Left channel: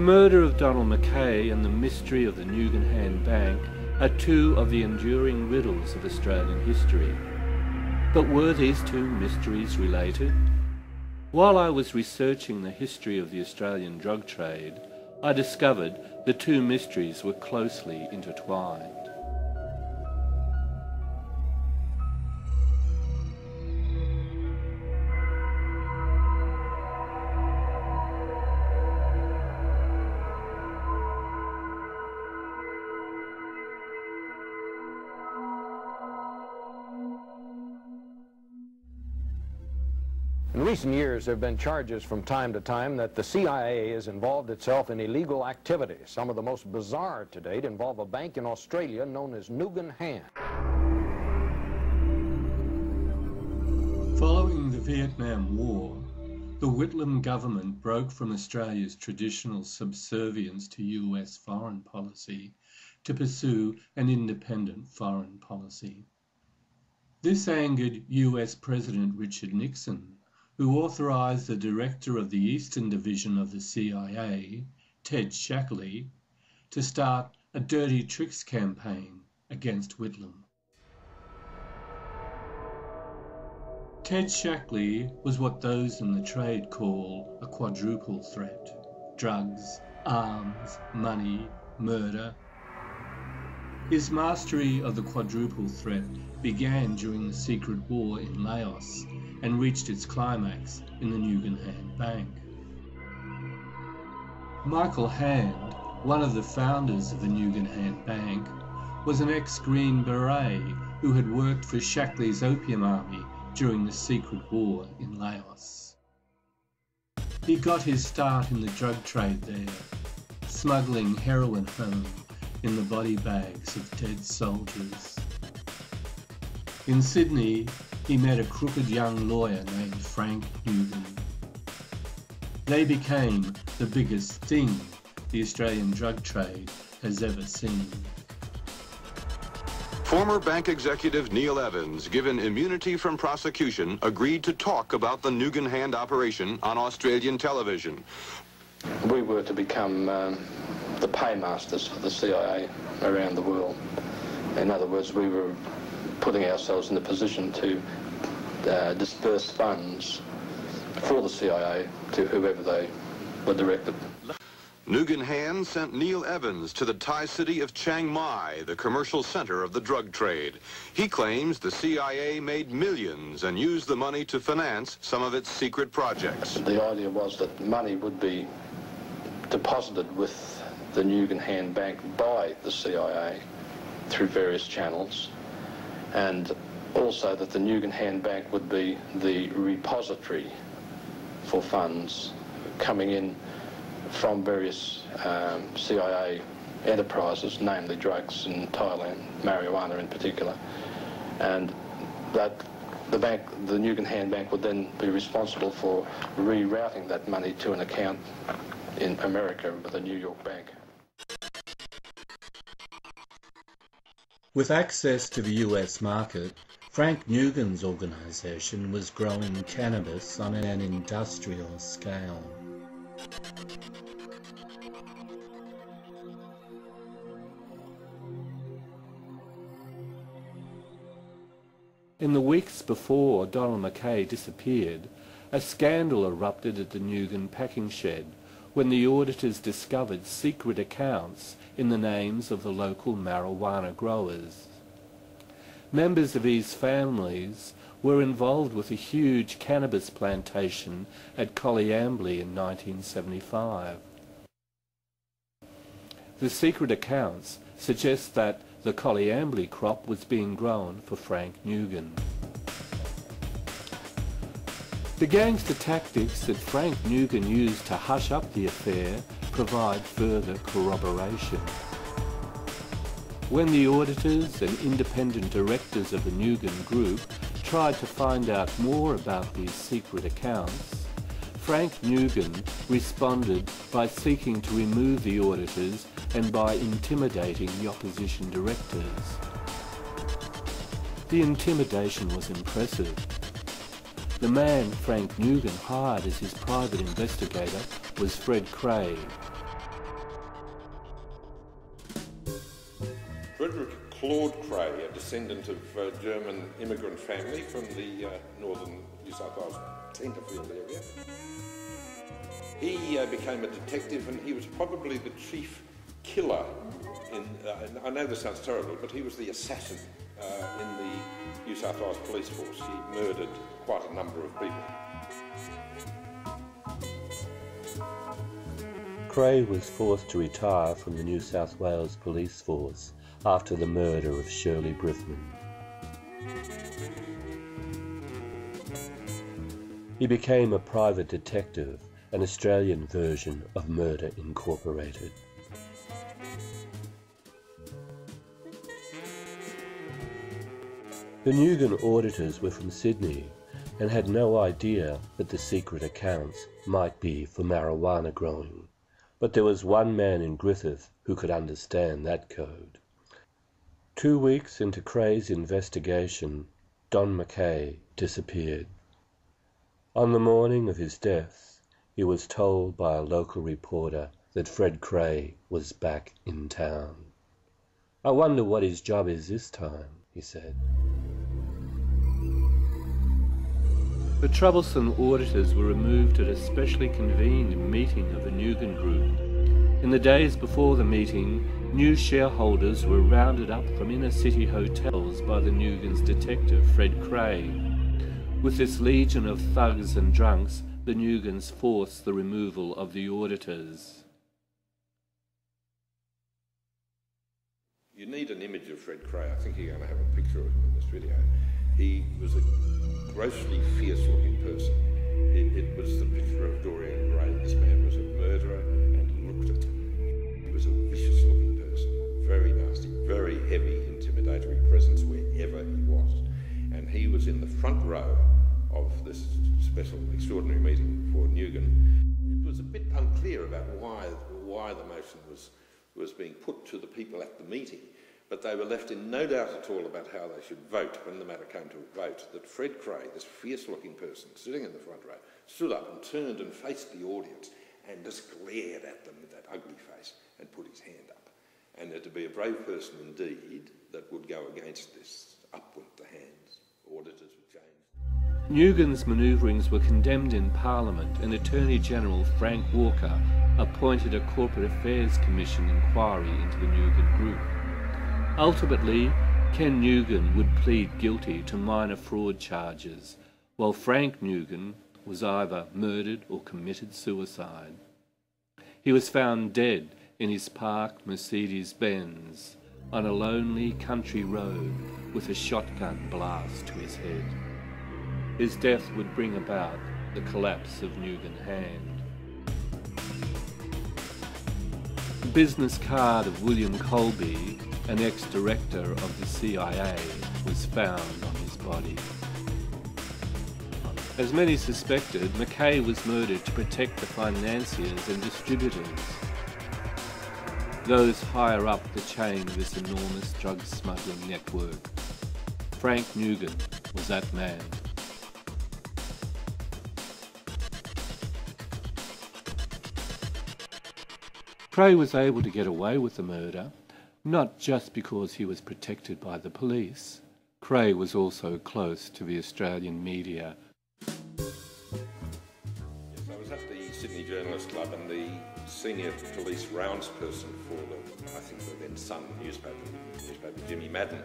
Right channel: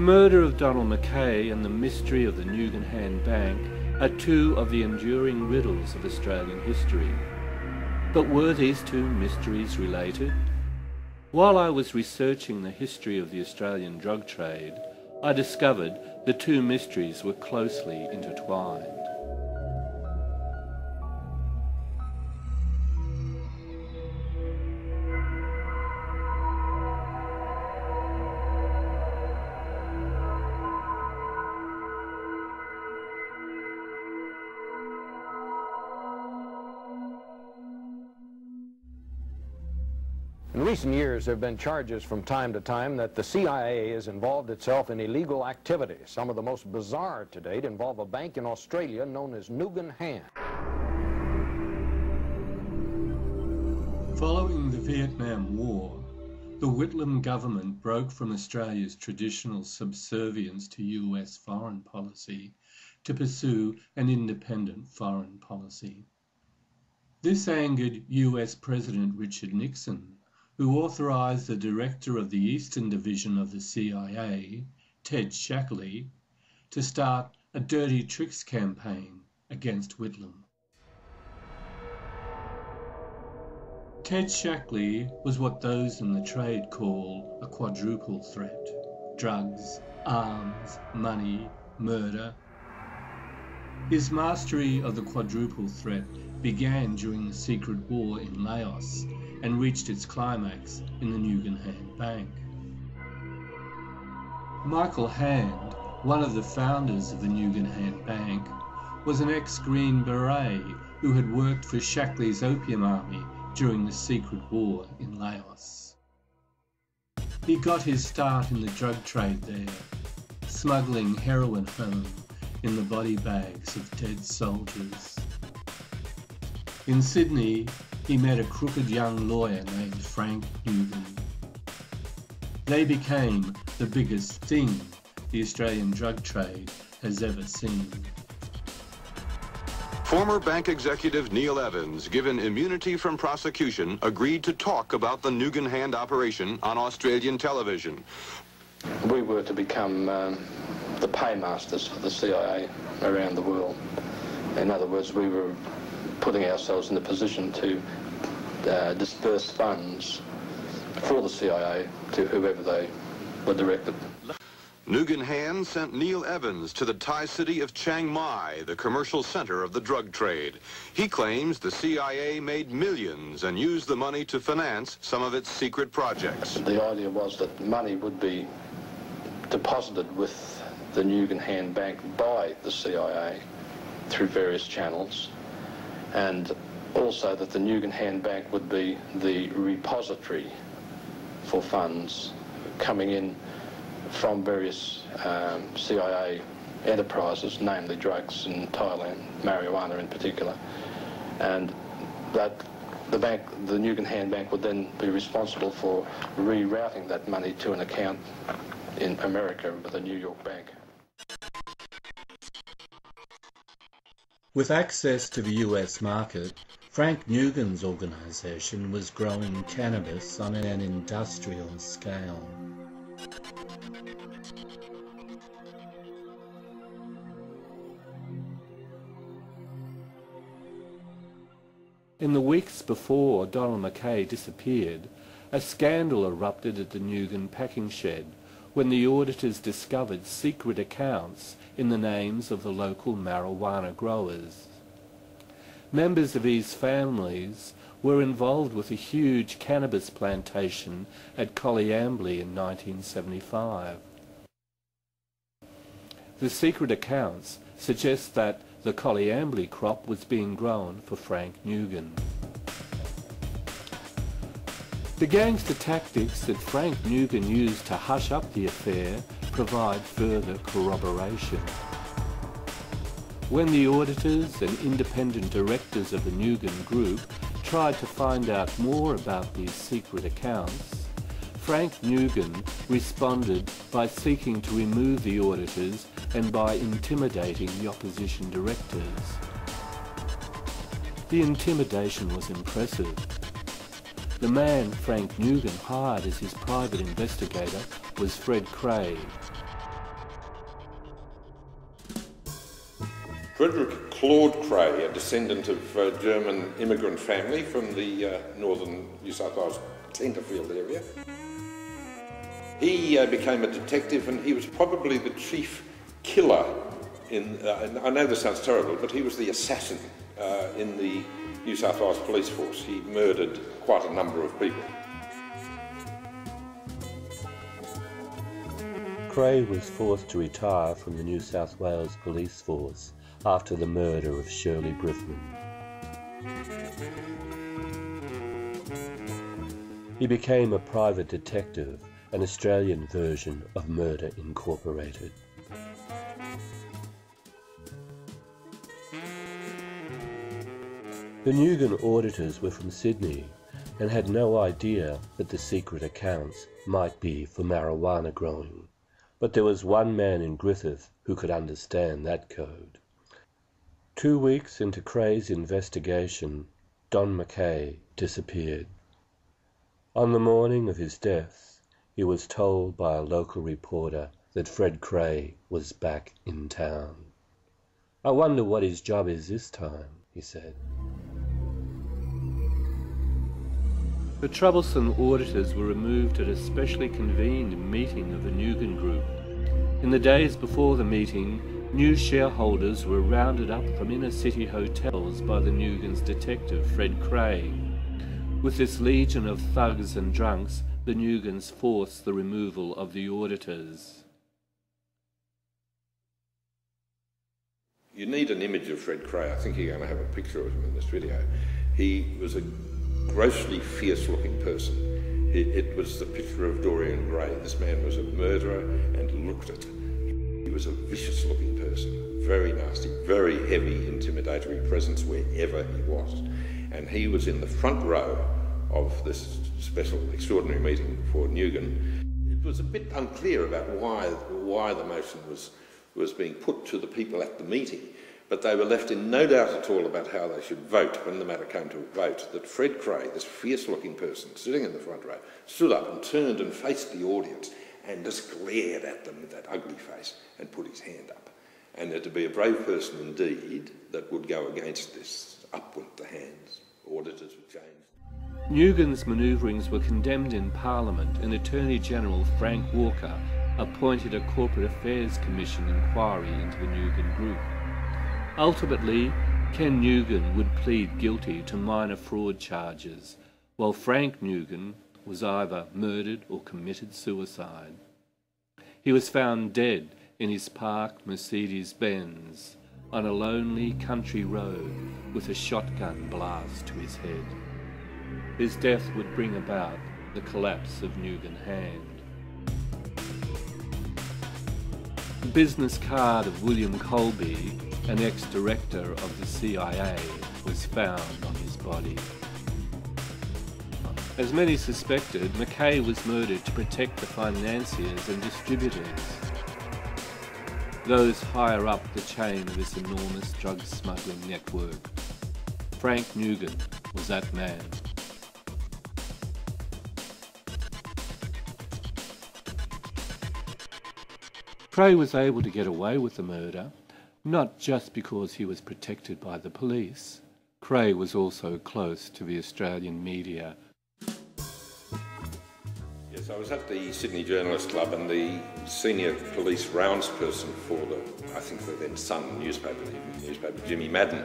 The murder of Donald Mackay and the mystery of the Nugan Bank are two of the enduring riddles of Australian history. But were these two mysteries related? While I was researching the history of the Australian drug trade, I discovered the two mysteries were closely intertwined. In recent years, there have been charges from time to time that the CIA has involved itself in illegal activities. Some of the most bizarre to date involve a bank in Australia known as Nugan. Following the Vietnam War, the Whitlam government broke from Australia's traditional subservience to US foreign policy to pursue an independent foreign policy. This angered US President Richard Nixon, who authorized the director of the Eastern Division of the CIA, Ted Shackley, to start a dirty tricks campaign against Whitlam. Ted Shackley was what those in the trade call a quadruple threat: drugs, arms, money, murder. His mastery of the quadruple threat began during the secret war in Laos and reached its climax in the Nugan Bank. Michael Hand, one of the founders of the Nugan Bank, was an ex-Green Beret who had worked for Shackley's Opium Army during the secret war in Laos. He got his start in the drug trade there, smuggling heroin home in the body bags of dead soldiers. In Sydney, he met a crooked young lawyer named Frank Nugan. They became the biggest thing the Australian drug trade has ever seen. Former bank executive Neil Evans, given immunity from prosecution, agreed to talk about the Nugan Hand operation on Australian television. We were to become the paymasters for the CIA around the world. In other words, we were putting ourselves in a position to disperse funds for the CIA to whoever they were directed. Nugan Hand sent Neil Evans to the Thai city of Chiang Mai, the commercial center of the drug trade. He claims the CIA made millions and used the money to finance some of its secret projects. The idea was that money would be deposited with the Nugan Bank by the CIA through various channels, and also that the Nugan Bank would be the repository for funds coming in from various CIA enterprises, namely drugs in Thailand, marijuana in particular, and that the Nugan Bank would then be responsible for rerouting that money to an account in America with the New York Bank. With access to the US market, Frank Nugan's organisation was growing cannabis on an industrial scale. In the weeks before Donald Mackay disappeared, a scandal erupted at the Nugan packing shed when the auditors discovered secret accounts in the names of the local marijuana growers. Members of these families were involved with a huge cannabis plantation at Coleambally in 1975. The secret accounts suggest that the Coleambally crop was being grown for Frank Nugan. The gangster tactics that Frank Nugan used to hush up the affair provide further corroboration. When the auditors and independent directors of the Nugan Group tried to find out more about these secret accounts, Frank Nugan responded by seeking to remove the auditors and by intimidating the opposition directors. The intimidation was impressive. The man Frank Nugan hired as his private investigator was Fred Craig. Claude Cray, a descendant of a German immigrant family from the northern New South Wales Tenterfield area. He became a detective, and he was probably the chief killer in, I know this sounds terrible, but he was the assassin in the New South Wales police force. He murdered quite a number of people. Cray was forced to retire from the New South Wales police force after the murder of Shirley Brithman. He became a private detective, an Australian version of Murder Incorporated. The Newgan auditors were from Sydney and had no idea that the secret accounts might be for marijuana growing. But there was one man in Griffith who could understand that code. 2 weeks into Cray's investigation, Don Mackay disappeared. On the morning of his death, he was told by a local reporter that Fred Cray was back in town. "I wonder what his job is this time," he said. The troublesome auditors were removed at a specially convened meeting of the Newgan Group. In the days before the meeting, new shareholders were rounded up from inner city hotels by the Newgans' detective Fred Cray. With this legion of thugs and drunks, the Newgans forced the removal of the auditors. You need an image of Fred Cray. I think you're going to have a picture of him in this video. He was a grossly fierce-looking person. It was the picture of Dorian Gray. This man was a murderer, and looked at it. He was a vicious-looking person, very nasty, very heavy, intimidatory presence wherever he was. And he was in the front row of this special, extraordinary meeting for Newgan. It was a bit unclear about why the motion was being put to the people at the meeting. But they were left in no doubt at all about how they should vote when the matter came to a vote, that Fred Cray, this fierce-looking person sitting in the front row, stood up and turned and faced the audience and just glared at them with that ugly face and put his hand up. And that to be a brave person indeed that would go against this, up went the hands. Auditors were changed. Newgan's manoeuvrings were condemned in Parliament, and Attorney-General Frank Walker appointed a Corporate Affairs Commission inquiry into the Newgan Group. Ultimately, Ken Newgan would plead guilty to minor fraud charges, while Frank Newgan was either murdered or committed suicide. He was found dead in his parked Mercedes-Benz on a lonely country road with a shotgun blast to his head. His death would bring about the collapse of Newgan Hand. The business card of William Colby, an ex-director of the CIA, was found on his body. As many suspected, Mackay was murdered to protect the financiers and distributors, those higher up the chain of this enormous drug smuggling network. Frank Newgan was that man. Cray was able to get away with the murder, not just because he was protected by the police. Cray was also close to the Australian media. Yes, I was at the Sydney Journalist Club, and the senior police roundsperson for the, I think the then Sun newspaper, Jimmy Madden,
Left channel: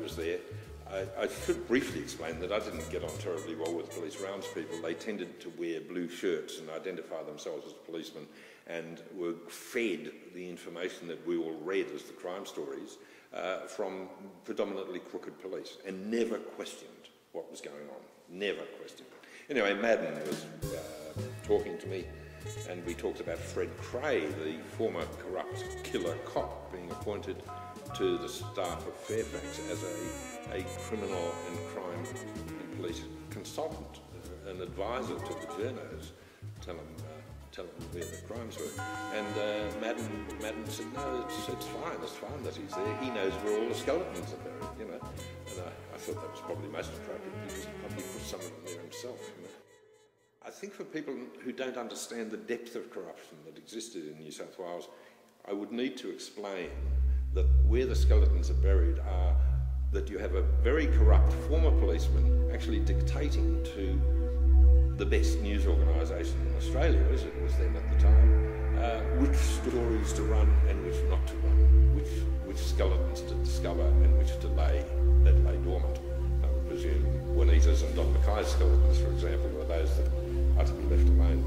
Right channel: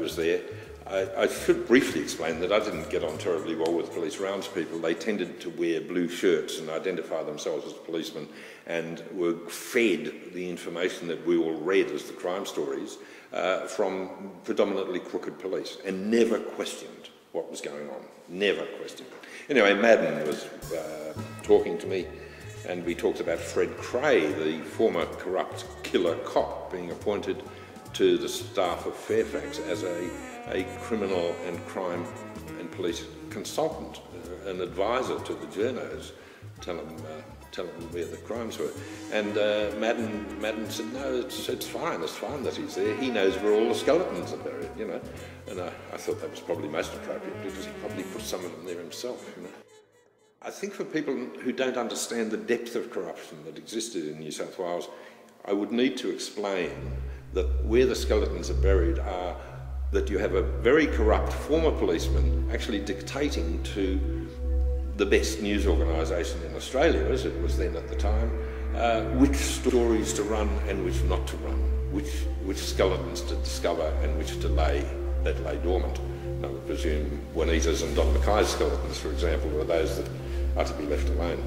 was there. I should briefly explain that I didn't get on terribly well with police roundspeople. They tended to wear blue shirts and identify themselves as policemen, and were fed the information that we all read as the crime stories from predominantly crooked police, and never questioned what was going on, never questioned it. Anyway, Madden was talking to me, and we talked about Fred Cray, the former corrupt killer cop, being appointed to the staff of Fairfax as a criminal and crime and police consultant, an advisor to the journos, tell them where the crimes were. And Madden said, no, it's fine that he's there. He knows where all the skeletons are buried, you know. And I thought that was probably most appropriate, because he probably put some of them there himself. You know? I think for people who don't understand the depth of corruption that existed in New South Wales, I would need to explain that where the skeletons are buried are that you have a very corrupt former policeman actually dictating to the best news organisation in Australia, as it was then at the time, which stories to run and which not to run, which skeletons to discover and which to lay dormant. I would presume Juanita's and Don Mackay's skeletons, for example, are those that are to be left alone.